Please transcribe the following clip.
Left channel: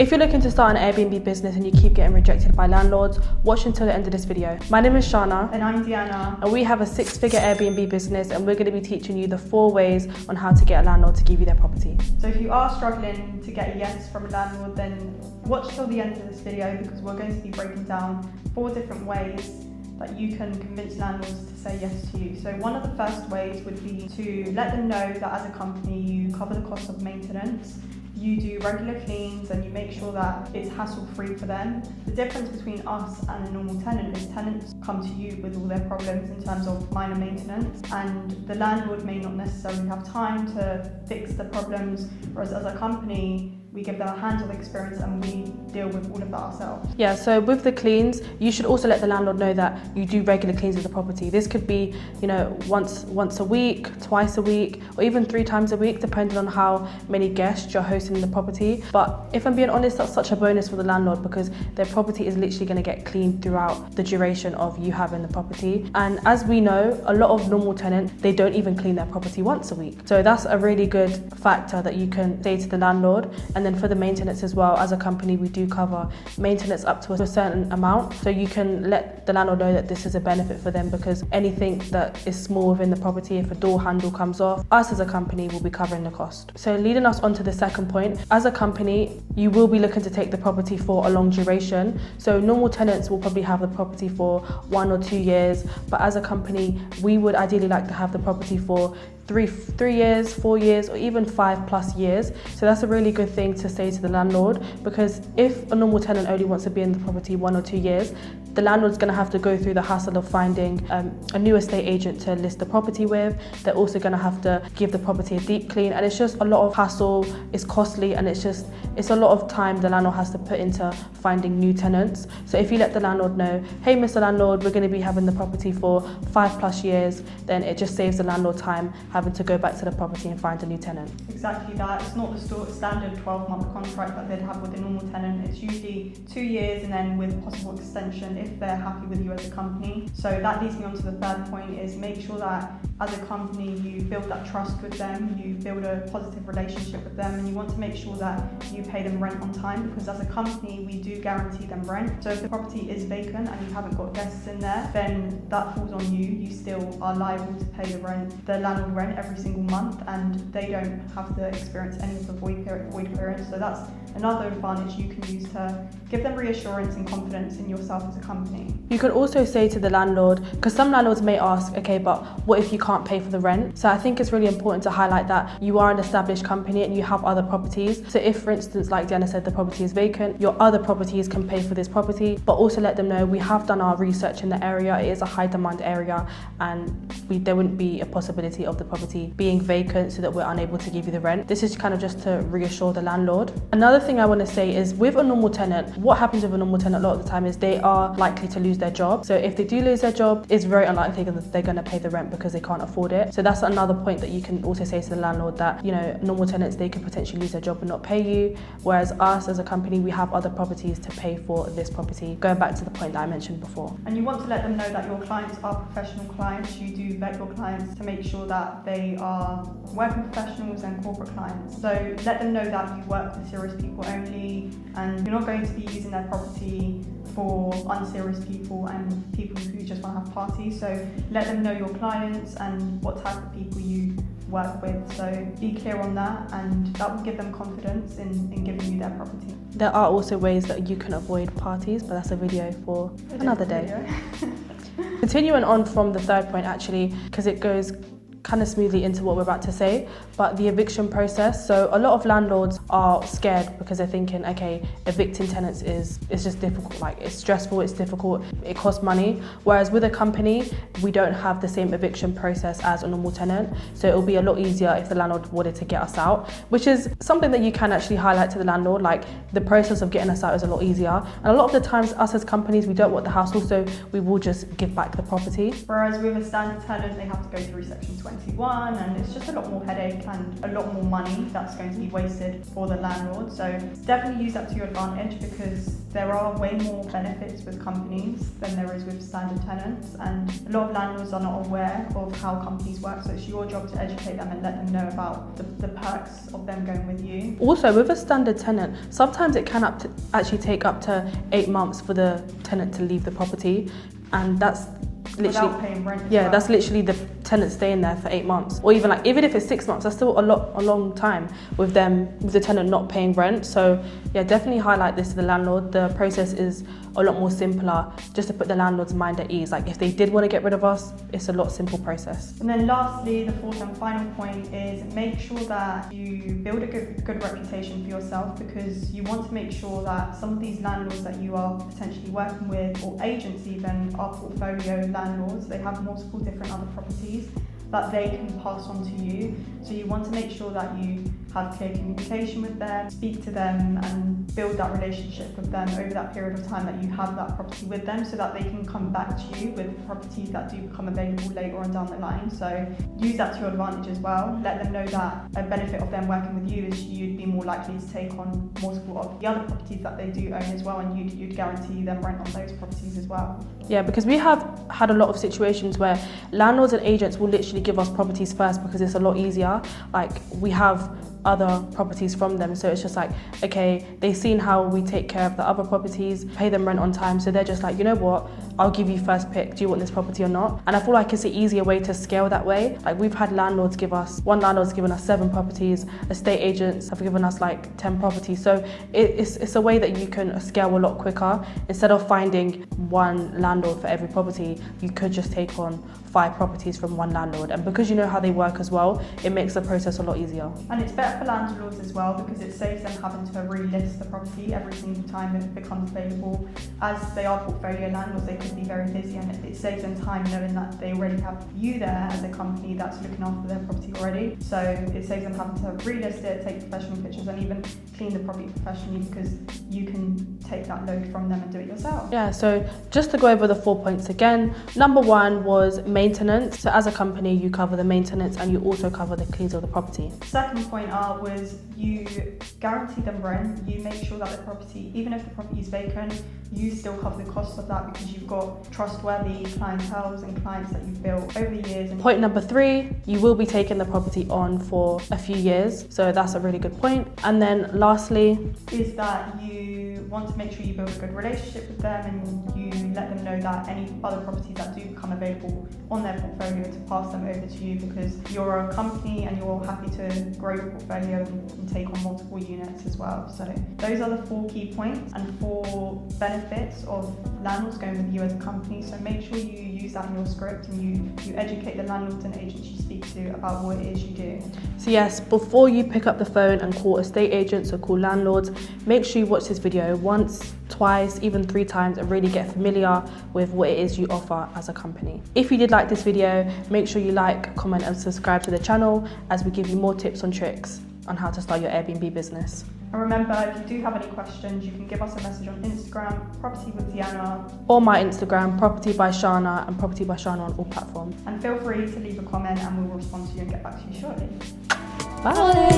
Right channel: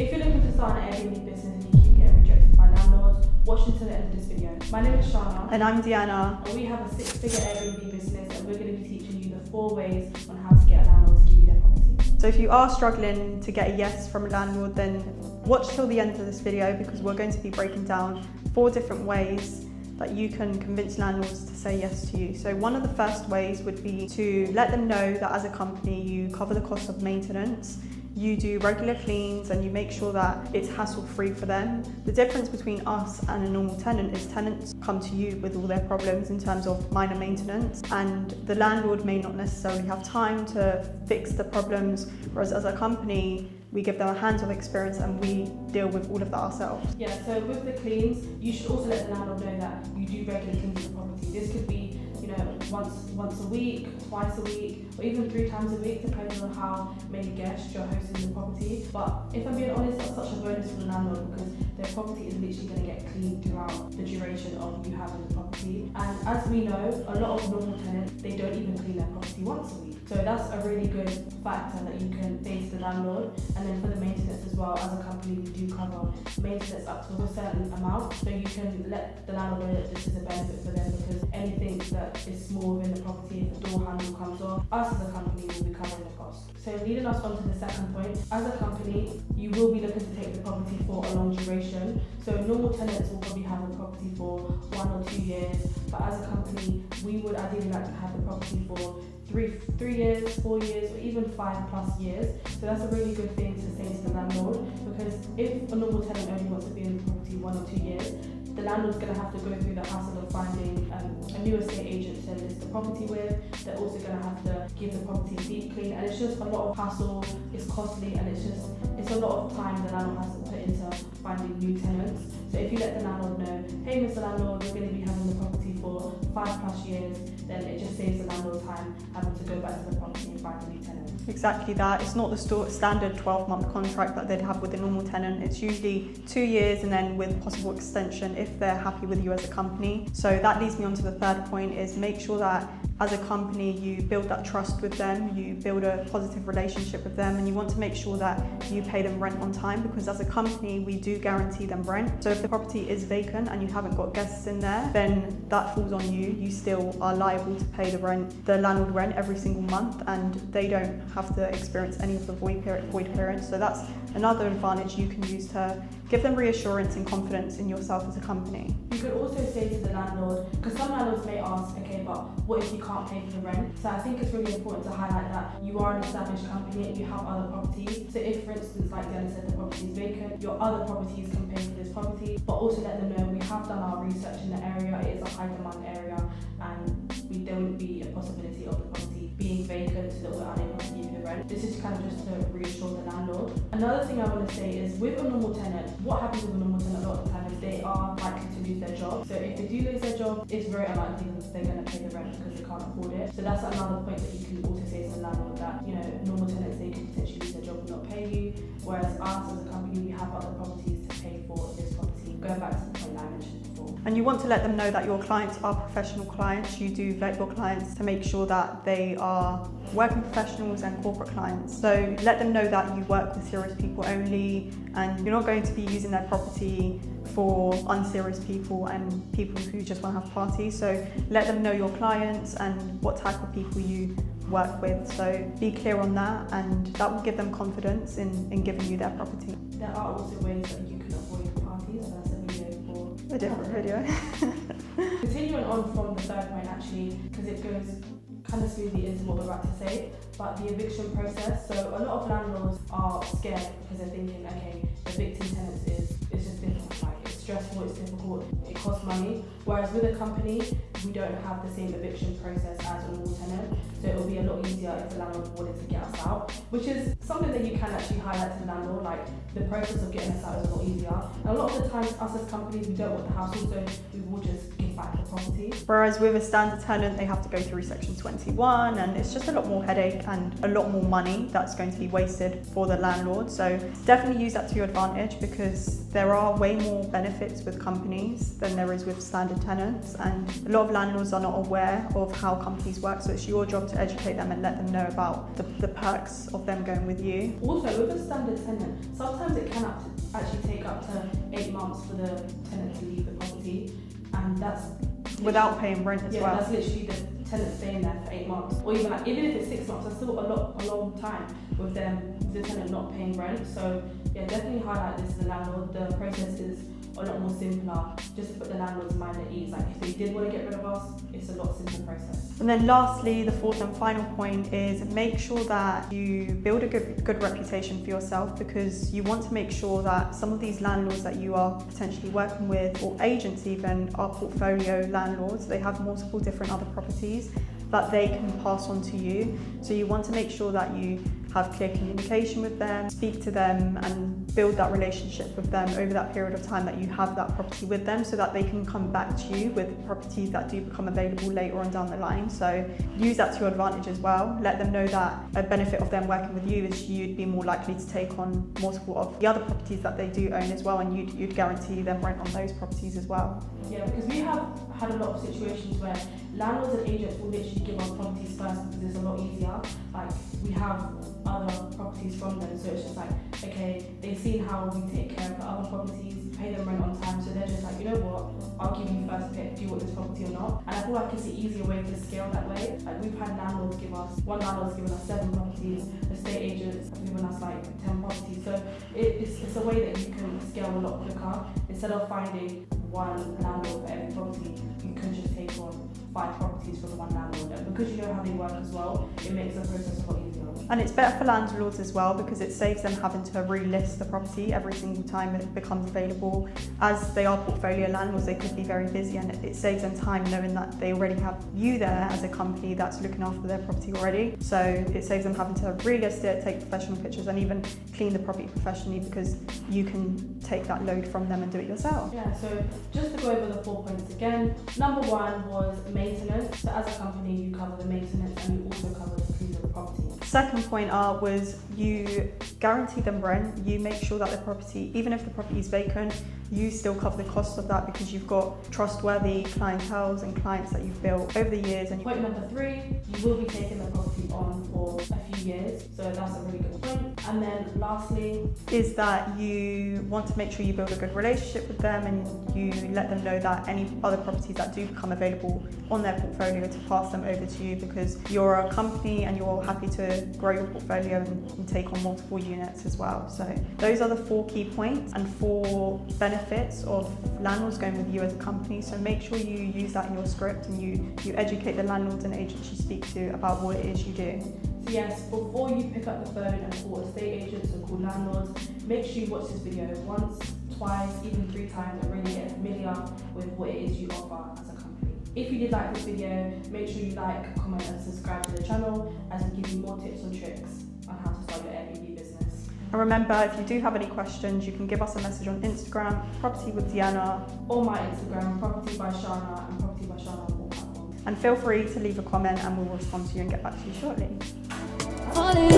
If you're looking to start an Airbnb business and you keep getting rejected by landlords, watch until the end of this video. My name is Shana. And I'm Deanna. And we have a 6-figure Airbnb business, and we're going to be teaching you the 4 ways on how to get a landlord to give you their property. So if you are struggling to get a yes from a landlord, then watch till the end of this video, because we're going to be breaking down 4 different ways that you can convince landlords to say yes to you. So one of the first ways would be to let them know that as a company you cover the cost of maintenance, you do regular cleans, and you make sure that it's hassle-free for them. The difference between us and a normal tenant is tenants come to you with all their problems in terms of minor maintenance, and the landlord may not necessarily have time to fix the problems, whereas as a company, we give them a hands-on experience and we deal with all of that ourselves. Yeah, so with the cleans, you should also let the landlord know that you do regular cleans of the property. This could be, once a week, twice a week, or even 3 times a week, depending on how many guests you're hosting in the property. But if I'm being honest, that's such a bonus for the landlord, because their property is literally going to get cleaned throughout the duration of you having the property. And as we know, a lot of normal tenants, they don't even clean their property once a week. So that's a really good factor that you can say to the landlord. And then for the maintenance as well, as a company, we do cover maintenance up to a certain amount. So you can let the landlord know that this is a benefit for them, because anything that is small within the property, if a door handle comes off, us as a company will be covering the cost. So leading us on to the second point, as a company, you will be looking to take the property for a long duration. So normal tenants will probably have the property for 1 or 2 years, but as a company, we would ideally like to have the property for 3 years, 4 years, or even 5+ years. So that's a really good thing to say to the landlord, because if a normal tenant only wants to be in the property 1 or 2 years, the landlord's going to have to go through the hassle of finding a new estate agent to list the property with. They're also going to have to give the property a deep clean, and it's just a lot of hassle, it's costly, and it's a lot of time the landlord has to put into finding new tenants. So if you let the landlord know, hey Mr. Landlord, we're going to be having the property for 5+ years, then it just saves the landlord time having to go back to the property and find a new tenant. Exactly that. It's not the standard 12-month contract that they'd have with a normal tenant. It's usually 2 years, and then with possible extension if they're happy with you as a company. So that leads me on to the third point, is make sure that as a company you build that trust with them, you build a positive relationship with them, and you want to make sure that you pay them rent on time, because as a company we do guarantee them rent. So if the property is vacant and you haven't got guests in there, then that falls on you. You still are liable to pay the landlord rent every single month, and they don't have to experience any sort of void period. So that's another advantage you can use to give them reassurance and confidence in yourself as a company. You can also say to the landlord, because some landlords may ask, okay, but what if you can't pay for the rent? So I think it's really important to highlight that you are an established company and you have other properties. So if, for instance, like Diana said, the property is vacant, your other properties can pay for this property, but also let them know we have done our research in the area. It is a high demand area, and there wouldn't be a possibility of the property being vacant so that we're unable to give you the rent. This is kind of just to reassure the landlord. Another thing I want to say is, with a normal tenant, what happens with a normal tenant a lot of the time is they are likely to lose their job. So if they do lose their job, it's very unlikely that they're going to pay the rent because they can't afford it. So that's another point that you can also say to the landlord, that normal tenants, they can potentially lose their job and not pay you, whereas us as a company, we have other properties to pay for this property. Going back to the point that I mentioned before. And you want to let them know that your clients are professional clients. You do vet your clients to make sure that they are working professionals and corporate clients. So let them know that you work with serious people only, and you're not going to be using their property for unserious people and people who just want to have parties. So let them know your clients and what type of people you work with. So be clear on that, and that will give them confidence in giving you their property. There are also ways that you can avoid parties, but that's a video for another day. Continuing on from the third point, actually, because it goes kind of smoothly into what we're about to say, but the eviction process. So a lot of landlords are scared because they're thinking, okay, evicting tenants it's just difficult, like it's stressful, it's difficult, it costs money. Whereas with a company, we don't have the same eviction process as a normal tenant. So it'll be a lot easier if the landlord wanted to get us out, which is something that you can actually highlight to the landlord, like the process of getting us out is a lot easier. And a lot of the times, us as companies, we don't want the hassle, so we will just give back the property. Whereas with a standard tenant, they have to go through Section 20. property one, and it's just a lot more headache and a lot more money that's going to be wasted for the landlord. So definitely use that to your advantage, because there are way more benefits with companies than there is with standard tenants, and a lot of landlords are not aware of how companies work, so it's your job to educate them and let them know about the perks of them going with you. Also, with a standard tenant, sometimes it can actually take up to 8 months for the tenant to leave the property, and that's literally, without paying rent. Yeah, that's literally the tenant staying there for 8 months, or even if it's 6 months, that's still a long time with the tenant not paying rent. So yeah, definitely highlight this to the landlord. The process is a lot more simpler, just to put the landlord's mind at ease. Like, if they did want to get rid of us, it's a lot simple process. And then lastly, the fourth and final point is make sure that you build a good reputation for yourself, because you want to make sure that some of these landlords that you are potentially working with, or agents even, are portfolio landlords. They have multiple different other properties that they can pass on to you. So you want to make sure that you have clear communication with them, speak to them and build that relationship with them over that period of time that you have that property with them, so that they can come back to you with properties that do become available later on down the line. So use that to your advantage as well. Let them know that a benefit of them working with you is you'd be more likely to take on multiple of the other properties that they do own as well, and you'd guarantee them rent on those properties as well. Yeah, because we have had a lot of situations where landlords and agents will literally give us properties first because it's a lot easier. Like, we have other properties from them, so it's just like, okay, they've seen how we take care of the other properties, pay them rent on time, so they're just like, you know what, I'll give you first pick, do you want this property or not? And I feel like it's an easier way to scale that way. Like, we've had landlords one landlord's given us 7 properties, estate agents have given us like 10 properties, so it's a way that you can scale a lot quicker. Instead of finding one landlord for every property, you could just take on 5 properties from one landlord, and because you know how they work as well, it makes the process a lot easier. And it's better for landlords as well, because it saves them having to relist the property every single time it becomes available. As they are portfolio landlords, they could be very busy, and it saves them time knowing that they already have you there as a company that's looking after their property already. So it saves them having to relist it, take professional pictures, and even clean the property professionally, because you can take that load from them and do it yourself. Yeah, so just to go over the 4 points again, number 1 was maintenance. So as a company, you cover the maintenance and you also cover the cleans of the property. Second point was you guarantee them rent. You make sure that the property, even if the property is vacant, you still cover the cost of that, because you've got trustworthy clientele and clients that you've built over the years. Point number 3, you will be taking the property on for a few years, so that's a really good point. And then lastly is that you want to make sure you build a good relationship with them, and you let them know that any other properties that do become available on their portfolio to pass them over to you, because you're a company and you're happy to grow your portfolio and take on multiple units as well. So those are the 4 key points and 4 benefits of landlords going with you as a company. So make sure you use that in your script, and you educate the landlords and agents you speak to about what it is you do. So yes, before you pick up the phone and call estate agents or call landlords, make sure you watch this video once, twice, even 3 times, and really get familiar with what it is you offer as a company. If you did like this video, make sure you like, comment and subscribe to the channel, as we give you more tips and tricks on how to start your Airbnb business. And remember, if you do have any questions, you can give us a message on Instagram, Property with Deanna, or my Instagram, Property by Shana, and Property by Shana on all platforms. and feel free to leave a comment and we'll respond to you and get back to you shortly. Bye.